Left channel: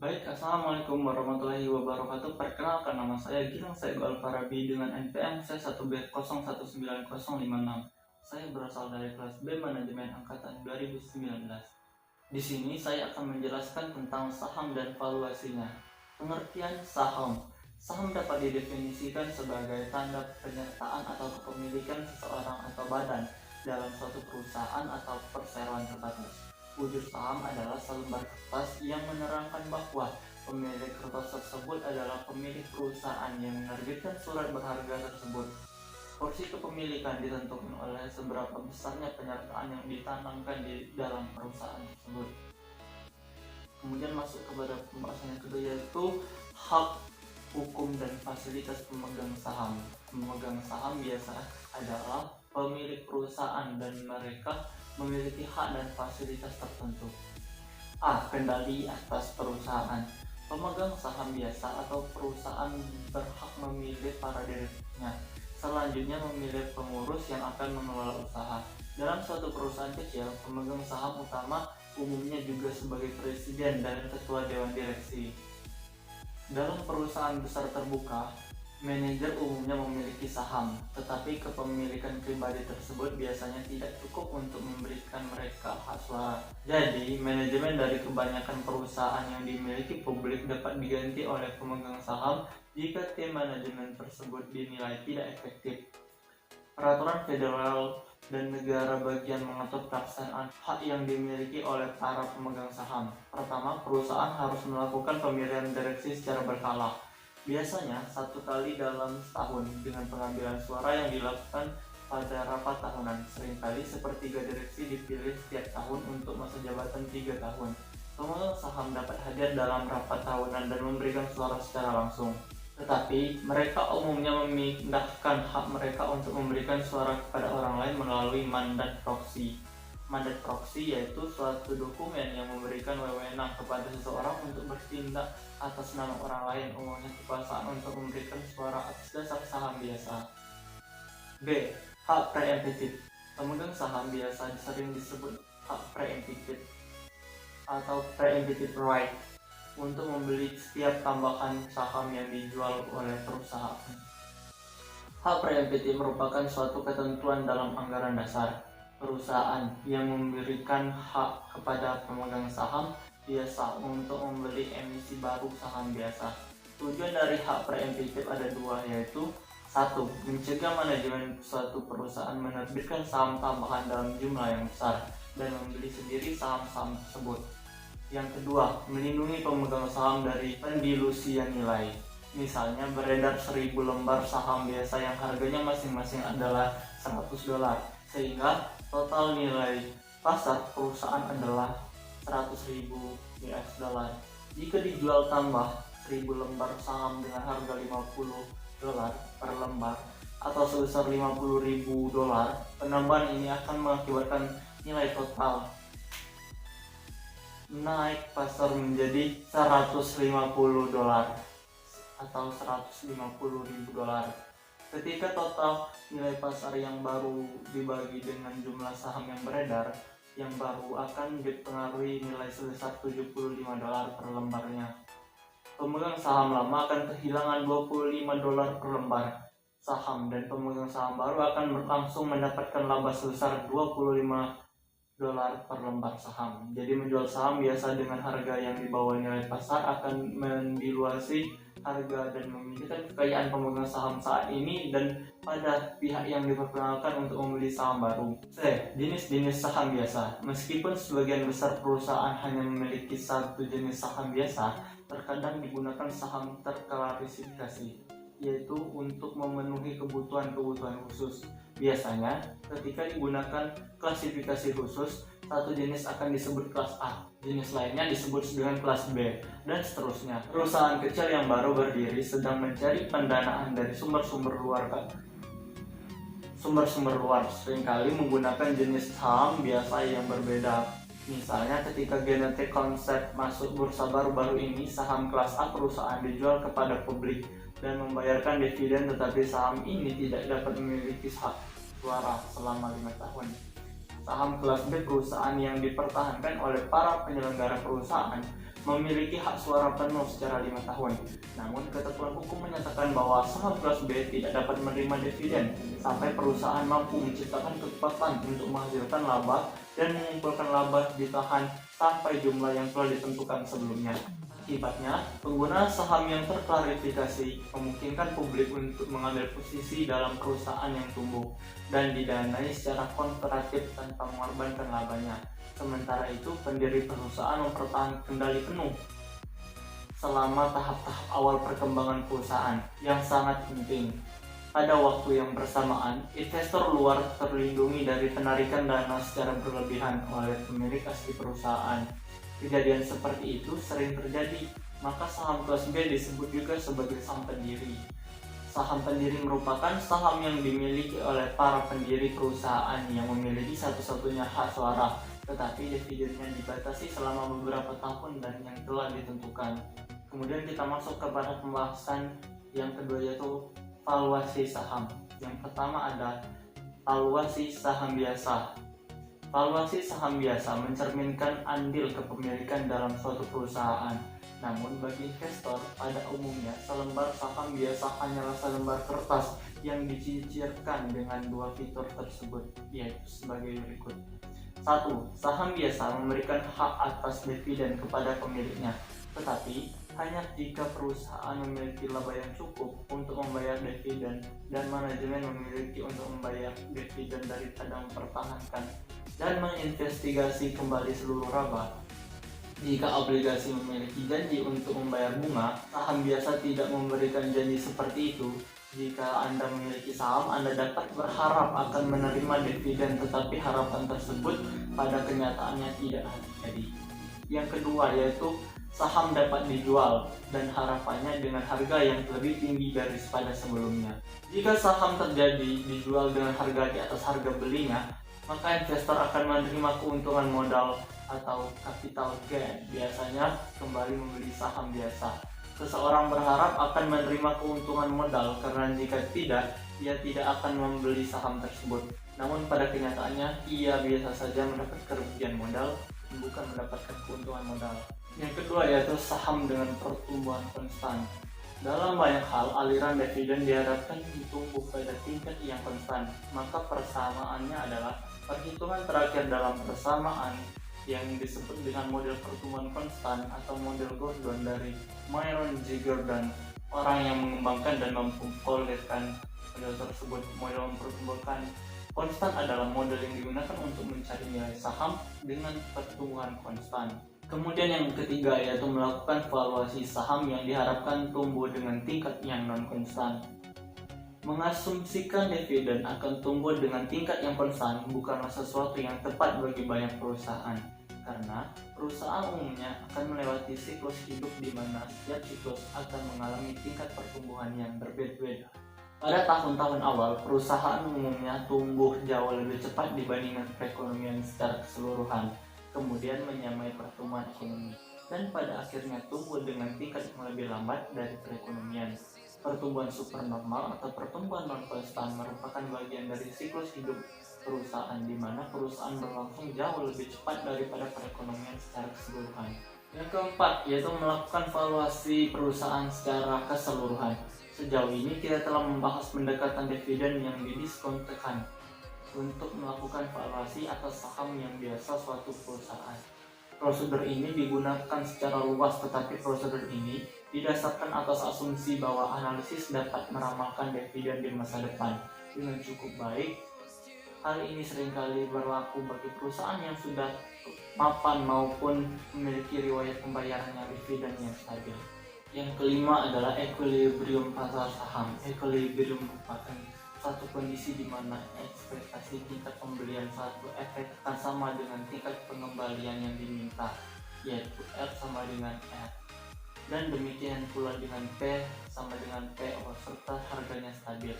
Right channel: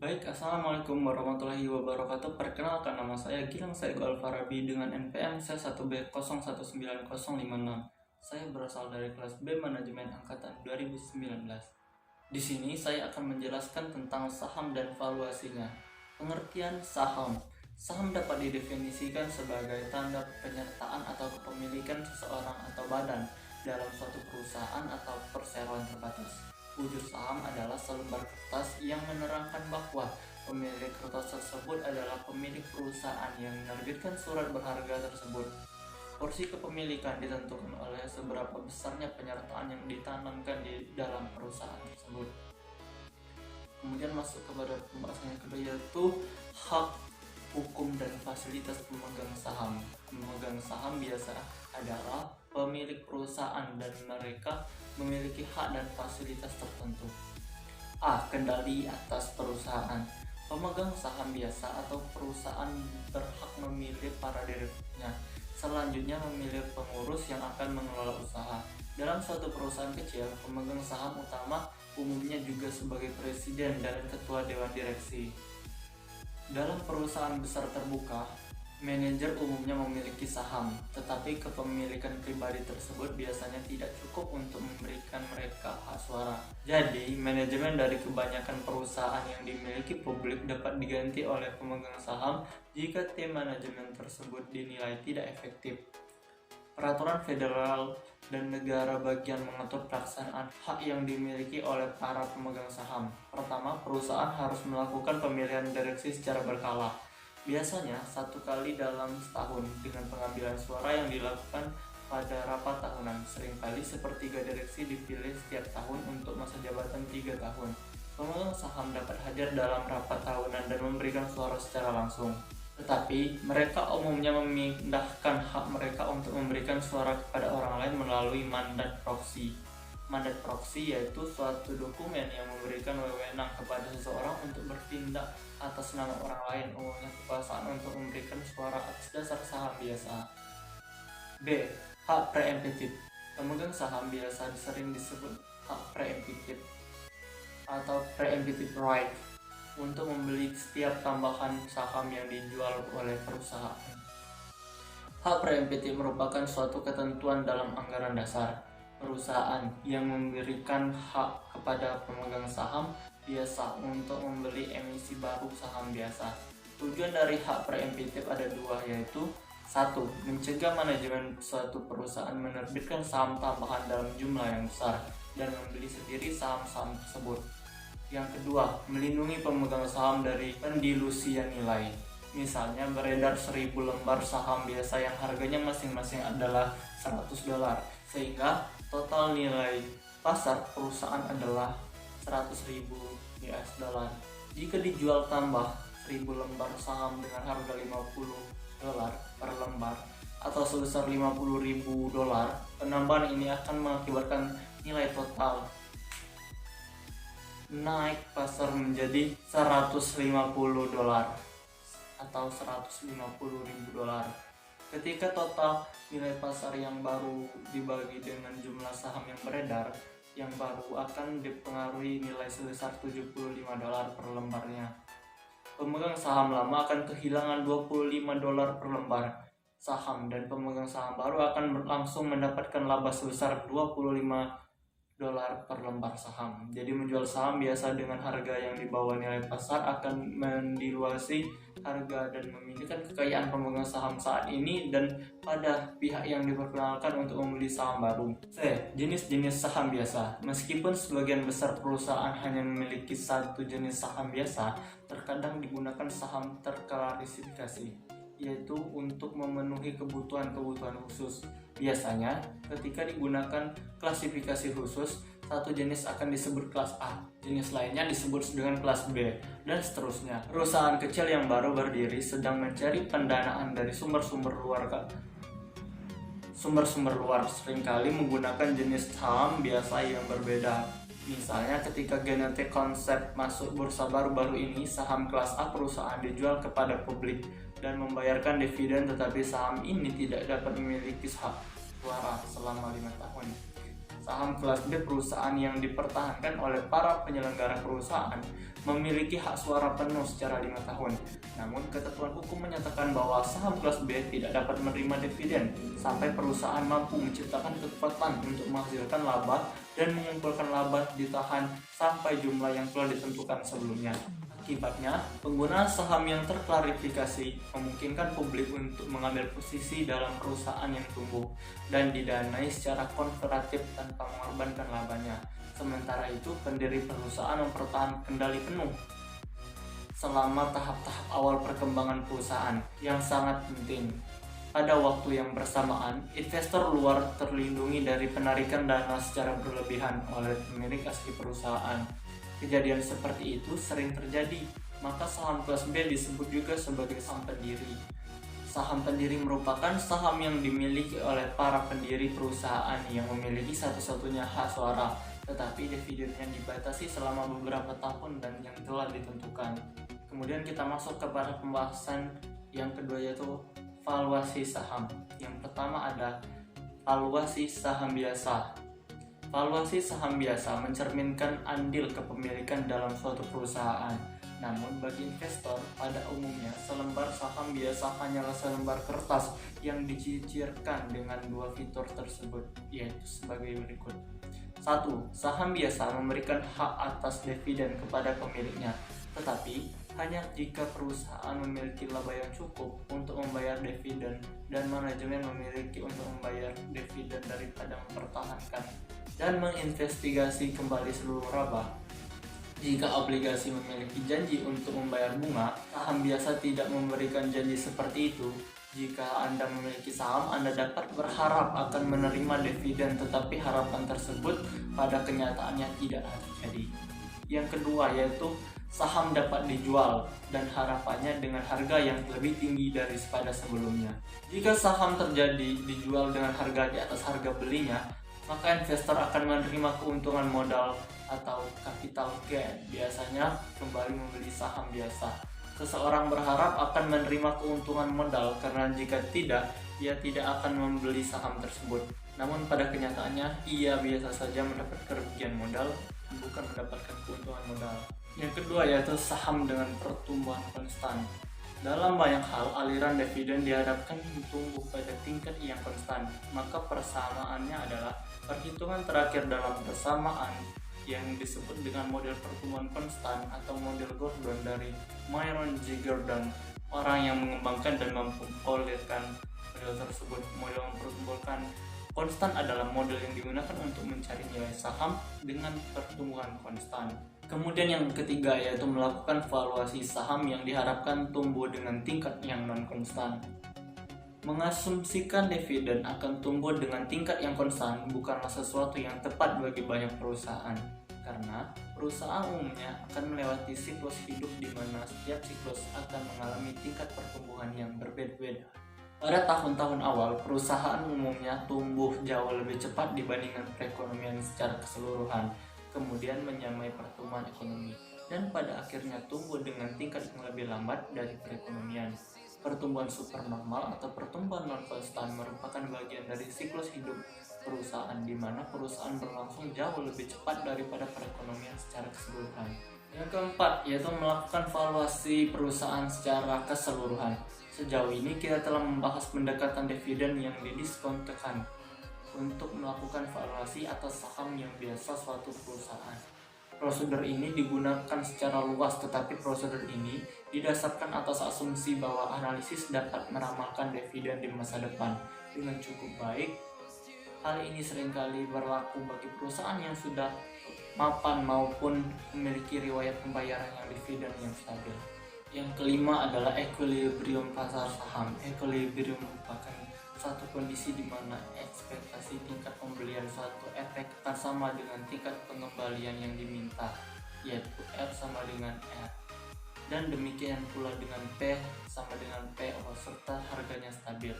Baik, Assalamualaikum warahmatullahi wabarakatuh. Perkenalkan, nama saya Gilang Saego Alfarabi dengan NPM C1B019056. Saya berasal dari kelas B Manajemen Angkatan 2019. Di sini saya akan menjelaskan tentang saham dan valuasinya. Pengertian saham. Saham dapat didefinisikan sebagai tanda penyertaan atau kepemilikan seseorang atau badan dalam suatu perusahaan atau perseroan terbatas. Wujud saham adalah selembar kertas yang menerangkan bahwa pemilik kertas tersebut adalah pemilik perusahaan yang menerbitkan surat berharga tersebut. Porsi kepemilikan ditentukan oleh seberapa besarnya penyertaan yang ditanamkan di dalam perusahaan tersebut. Kemudian masuk kepada pembahasan yang kedua, yaitu hak, hukum, dan fasilitas pemegang saham. Pemegang saham biasa adalah pemilik perusahaan dan mereka memiliki hak dan fasilitas tertentu. A. Kendali atas perusahaan. Pemegang saham biasa atau perusahaan berhak memilih para direkturnya. Selanjutnya memilih pengurus yang akan mengelola usaha. Dalam suatu perusahaan kecil, pemegang saham utama umumnya juga sebagai presiden dan ketua dewan direksi. Dalam perusahaan besar terbuka, manajer umumnya memiliki saham, tetapi kepemilikan pribadi tersebut biasanya tidak cukup untuk memberikan mereka hak suara. Jadi, manajemen dari kebanyakan perusahaan yang dimiliki publik dapat diganti oleh pemegang saham jika tim manajemen tersebut dinilai tidak efektif. Peraturan federal dan negara bagian mengatur pelaksanaan hak yang dimiliki oleh para pemegang saham. Pertama, perusahaan harus melakukan pemilihan direksi secara berkala. Biasanya satu kali dalam setahun dengan pengambilan suara yang dilakukan pada rapat tahunan. Seringkali sepertiga direksi dipilih setiap tahun untuk masa jabatan 3 tahun. Pemegang saham dapat hadir dalam rapat tahunan dan memberikan suara secara langsung. Tetapi mereka umumnya memindahkan hak mereka untuk memberikan suara kepada orang lain melalui mandat proksi. Mandat proksi yaitu suatu dokumen yang memberikan wewenang kepada seseorang untuk bertindak atas nama orang lain, umumnya kekuasaan untuk memberikan suara atas dasar saham biasa. B. Hak preemptif. Pemegang saham biasa sering disebut hak preemptif atau preemptive right untuk membeli setiap tambahan saham yang dijual oleh perusahaan. Hak preemptif merupakan suatu ketentuan dalam anggaran dasar perusahaan yang memberikan hak kepada pemegang saham biasa untuk membeli emisi baru saham biasa. Tujuan dari hak preemptif ada dua, yaitu 1. Mencegah manajemen suatu perusahaan menerbitkan saham tambahan dalam jumlah yang besar dan membeli sendiri saham-saham tersebut. Yang kedua, melindungi pemegang saham dari pendilusian nilai. Misalnya beredar 1000 lembar saham biasa yang harganya masing-masing adalah $100, sehingga total nilai pasar perusahaan adalah $100.000. Jika dijual tambah 1000 lembar saham dengan harga $50 per lembar atau sebesar $50.000, penambahan ini akan mengakibatkan nilai total naik pasar menjadi $150 atau $150.000. Ketika total nilai pasar yang baru dibagi dengan jumlah saham yang beredar, yang baru akan dipengaruhi nilai sebesar $75 per lembarnya. Pemegang saham lama akan kehilangan $25 per lembar saham dan pemegang saham baru akan langsung mendapatkan laba sebesar $25 per lembar saham. Jadi menjual saham biasa dengan harga yang di bawah nilai pasar akan mendiluasi harga dan memindahkan kekayaan pemegang saham saat ini dan pada pihak yang diperkenalkan untuk membeli saham baru. C. Jenis-jenis saham biasa. Meskipun sebagian besar perusahaan hanya memiliki satu jenis saham biasa, terkadang digunakan saham terklasifikasi, yaitu untuk memenuhi kebutuhan-kebutuhan khusus. Biasanya, ketika digunakan klasifikasi khusus, satu jenis akan disebut kelas A, jenis lainnya disebut dengan kelas B, dan seterusnya. Perusahaan kecil yang baru berdiri sedang mencari pendanaan dari sumber-sumber luar seringkali menggunakan jenis saham biasa yang berbeda. Misalnya ketika Genetic Concept masuk bursa baru-baru ini, saham kelas A perusahaan dijual kepada publik dan membayarkan dividen, tetapi saham ini tidak dapat memiliki hak suara selama 5 tahun. Saham kelas B perusahaan yang dipertahankan oleh para penyelenggara perusahaan memiliki hak suara penuh secara 5 tahun. Namun, ketentuan hukum menyatakan bahwa saham kelas B tidak dapat menerima dividen sampai perusahaan mampu menciptakan kekuatan untuk menghasilkan laba dan mengumpulkan laba ditahan sampai jumlah yang telah ditentukan sebelumnya. Akibatnya, penggunaan saham yang terklarifikasi memungkinkan publik untuk mengambil posisi dalam perusahaan yang tumbuh dan didanai secara konservatif tanpa mengorbankan labanya. Sementara itu, pendiri perusahaan mempertahankan kendali penuh selama tahap-tahap awal perkembangan perusahaan yang sangat penting. Pada waktu yang bersamaan, investor luar terlindungi dari penarikan dana secara berlebihan oleh pemilik asli perusahaan. Kejadian seperti itu sering terjadi, maka saham kelas B disebut juga sebagai saham pendiri. Saham pendiri merupakan saham yang dimiliki oleh para pendiri perusahaan yang memiliki satu-satunya hak suara, tetapi dividennya dibatasi selama beberapa tahun dan yang telah ditentukan. Kemudian kita masuk kepada pembahasan yang kedua, yaitu valuasi saham. Yang pertama ada valuasi saham biasa. Valuasi saham biasa mencerminkan andil kepemilikan dalam suatu perusahaan. Namun bagi investor, pada umumnya selembar saham biasa hanyalah selembar kertas yang dicicirkan dengan dua fitur tersebut, yaitu sebagai berikut. 1. Saham biasa memberikan hak atas dividen kepada pemiliknya, tetapi hanya jika perusahaan memiliki laba yang cukup untuk membayar dividen dan manajemen memiliki untuk membayar dividen daripada mempertahankan dan menginvestigasi kembali seluruh laba. Jika obligasi memiliki janji untuk membayar bunga, saham biasa tidak memberikan janji seperti itu. Jika Anda memiliki saham, Anda dapat berharap akan menerima dividen, tetapi harapan tersebut pada kenyataannya tidak terjadi. Yang kedua yaitu saham dapat dijual dan harapannya dengan harga yang lebih tinggi daripada sebelumnya. Jika saham terjadi dijual dengan harga di atas harga belinya, maka investor akan menerima keuntungan modal atau capital gain, biasanya kembali membeli saham biasa. Seseorang berharap akan menerima keuntungan modal karena jika tidak, ia tidak akan membeli saham tersebut. Namun pada kenyataannya, ia biasa saja mendapat kerugian modal, bukan mendapatkan keuntungan modal. Yang kedua yaitu saham dengan pertumbuhan konstan. Dalam banyak hal, aliran dividen diharapkan tumbuh pada tingkat yang konstan. Maka persamaannya adalah perhitungan terakhir dalam persamaan yang disebut dengan model pertumbuhan konstan atau model Gordon dari Myron G. Gordon, orang yang mengembangkan dan mempopulerkan model tersebut. Model mempertumbuhkan konstan adalah model yang digunakan untuk mencari nilai saham dengan pertumbuhan konstan. Kemudian yang ketiga yaitu melakukan valuasi saham yang diharapkan tumbuh dengan tingkat yang non-konstan. Mengasumsikan dividen akan tumbuh dengan tingkat yang konstan bukanlah sesuatu yang tepat bagi banyak perusahaan, karena perusahaan umumnya akan melewati siklus hidup di mana setiap siklus akan mengalami tingkat pertumbuhan yang berbeda-beda. Pada tahun-tahun awal, perusahaan umumnya tumbuh jauh lebih cepat dibandingkan perekonomian secara keseluruhan, kemudian menyamai pertumbuhan ekonomi, dan pada akhirnya tumbuh dengan tingkat yang lebih lambat dari perekonomian. Pertumbuhan supernormal atau pertumbuhan non-konstan merupakan bagian dari siklus hidup perusahaan di mana perusahaan berlangsung jauh lebih cepat daripada perekonomian secara keseluruhan. Yang keempat yaitu melakukan valuasi perusahaan secara keseluruhan. Sejauh ini kita telah membahas pendekatan dividen yang didiskontekan untuk melakukan valuasi atas saham yang biasa suatu perusahaan. Prosedur ini digunakan secara luas, tetapi prosedur ini didasarkan atas asumsi bahwa analisis dapat meramalkan dividen di masa depan dengan cukup baik. Hal ini seringkali berlaku bagi perusahaan yang sudah mapan maupun memiliki riwayat pembayaran dividen yang stabil. Yang kelima adalah equilibrium pasar saham. Equilibrium merupakan satu kondisi di mana ekspektasi tingkat pembelian suatu efek akan sama dengan tingkat pengembalian yang diminta, yaitu R sama dengan R, dan demikian pula dengan P sama dengan PO serta harganya stabil.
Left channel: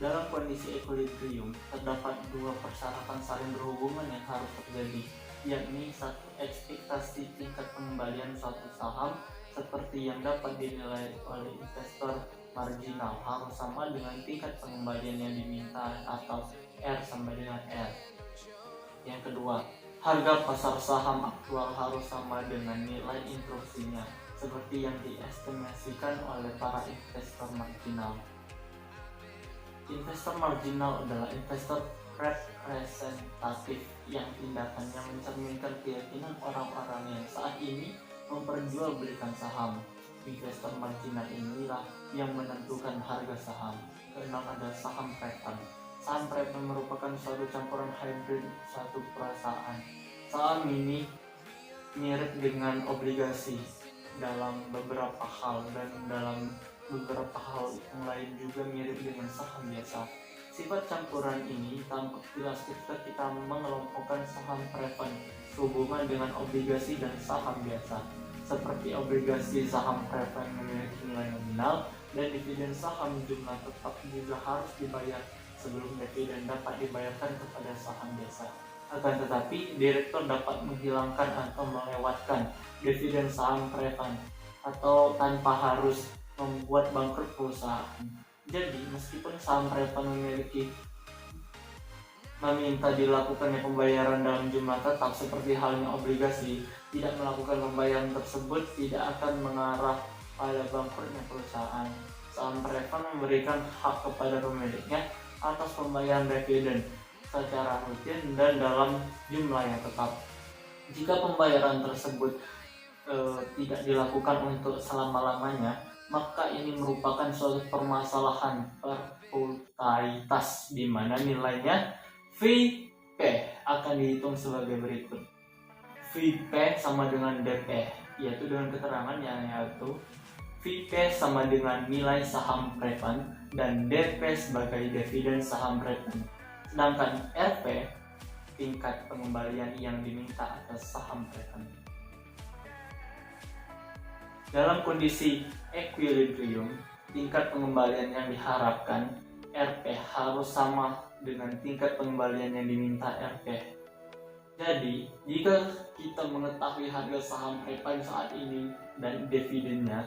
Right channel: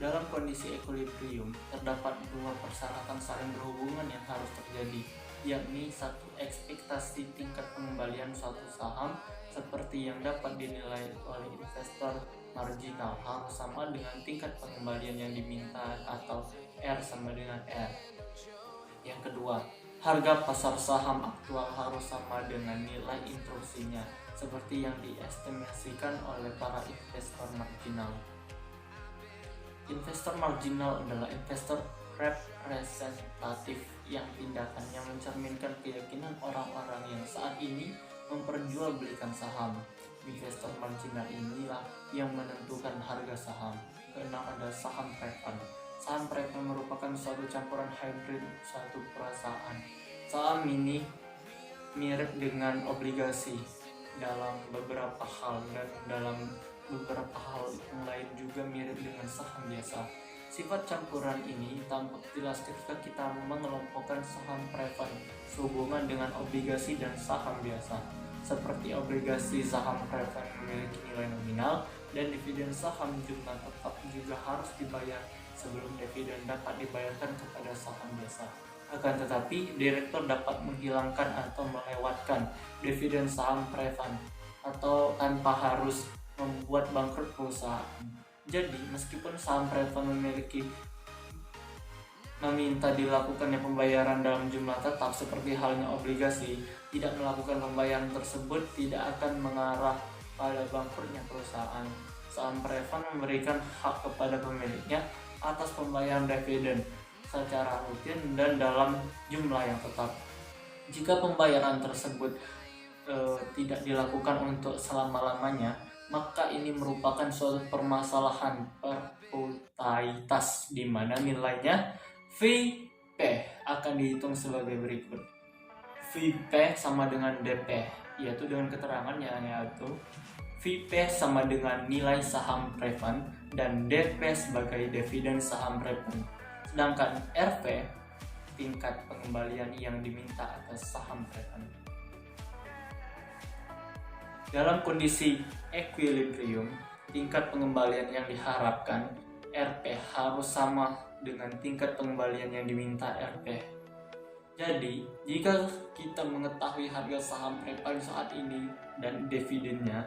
Dalam kondisi equilibrium terdapat dua persyaratan saling berhubungan yang harus terjadi, yakni satu, ekspektasi tingkat pengembalian suatu saham seperti yang dapat dinilai oleh investor marginal harus sama dengan tingkat pengembalian yang diminta atau R sama dengan R. Yang kedua, Harga pasar saham aktual harus sama dengan nilai intrusinya, seperti yang diestimasikan oleh para investor marginal. Investor marginal adalah investor representatif yang tindakannya mencerminkan keyakinan orang-orang yang saat ini memperjualbelikan saham. Investor marginal inilah yang menentukan harga saham. Keenam, ada saham preferred. Saham preferred merupakan suatu campuran hybrid satu perusahaan. Saham ini mirip dengan obligasi dalam beberapa hal, dan dalam beberapa hal yang lain juga mirip dengan saham biasa. Sifat campuran ini tampak jelas ketika kita mengelompokkan saham preferred sehubungan dengan obligasi dan saham biasa. Seperti obligasi, saham preferred memiliki nilai nominal dan dividen saham jumlah tetap juga harus dibayar sebelum dividen dapat dibayarkan kepada saham biasa. Akan tetapi, direktur dapat menghilangkan atau melewatkan dividen saham preferred atau tanpa harus membuat bangkrut perusahaan. Jadi, meskipun saham preferred meminta dilakukannya pembayaran dalam jumlah tetap seperti halnya obligasi, tidak melakukan pembayaran tersebut tidak akan mengarah pada bangkrutnya perusahaan. Saham preferred memberikan hak kepada pemiliknya atas pembayaran dividen secara rutin dan dalam jumlah yang tetap. Jika pembayaran tersebut tidak dilakukan untuk selama-lamanya, maka ini merupakan suatu permasalahan perputaitas di mana nilainya VP akan dihitung sebagai berikut. VP sama dengan DP, yaitu dengan keterangannya, yaitu VP sama dengan nilai saham preferred dan DP sebagai dividen saham preferred. Sedangkan RP tingkat pengembalian yang diminta atas saham preferred. Dalam kondisi equilibrium, tingkat pengembalian yang diharapkan RP harus sama dengan tingkat pengembalian yang diminta RP. Jadi, jika kita mengetahui harga saham preferred saat ini dan dividennya,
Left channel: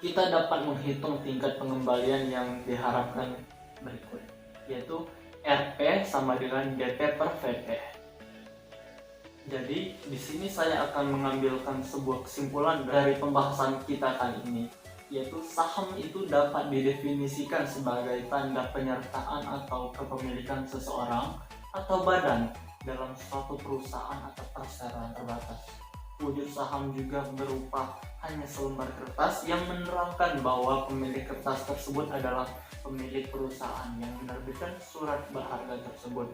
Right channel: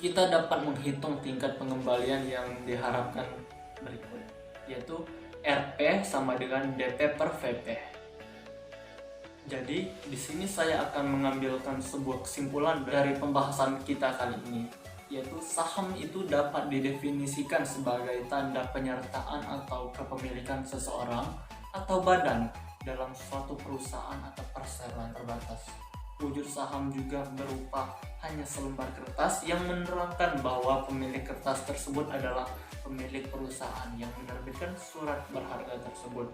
kita dapat menghitung tingkat pengembalian yang diharapkan berikut, yaitu RP sama dengan DP per VP. Jadi, di sini saya akan mengambilkan sebuah kesimpulan dari pembahasan kita kali ini, yaitu saham itu dapat didefinisikan sebagai tanda penyertaan atau kepemilikan seseorang atau badan dalam suatu perusahaan atau perseroan terbatas. Wujud saham juga berupa hanya selembar kertas yang menerangkan bahwa pemilik kertas tersebut adalah pemilik perusahaan yang menerbitkan surat berharga tersebut.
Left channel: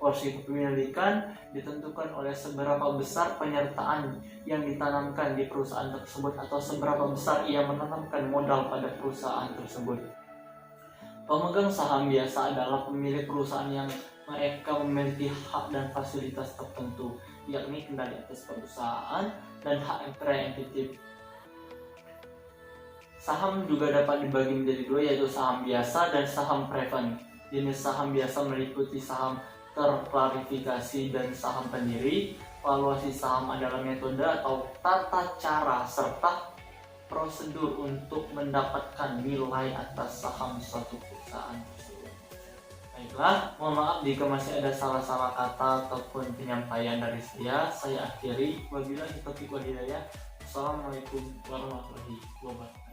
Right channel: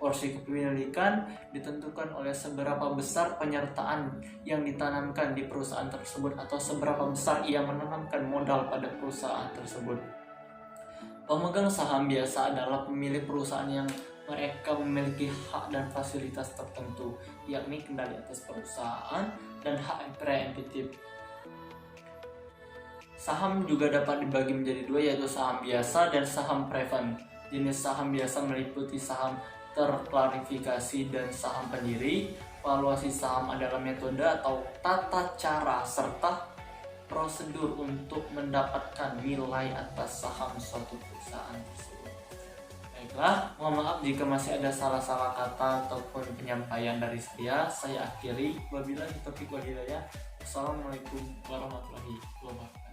Porsi kepemilikan ditentukan oleh seberapa besar penyertaan yang ditanamkan di perusahaan tersebut atau seberapa besar ia menanamkan modal pada perusahaan tersebut. Pemegang saham biasa adalah pemilik perusahaan yang mereka memiliki hak dan fasilitas tertentu, yakni kendali atas perusahaan dan hak preemptif. Saham juga dapat dibagi menjadi dua, yaitu saham biasa dan saham preferred. Jenis saham biasa meliputi saham terklarifikasi dan saham pendiri. Valuasi saham adalah metode atau tata cara serta prosedur untuk mendapatkan nilai atas saham suatu perusahaan tersebut. Baiklah, mohon maaf jika masih ada salah-salah kata ataupun penyampaian dari saya akhiri. Wabillahi taufiq wal hidayah. Wassalamualaikum warahmatullahi wabarakatuh.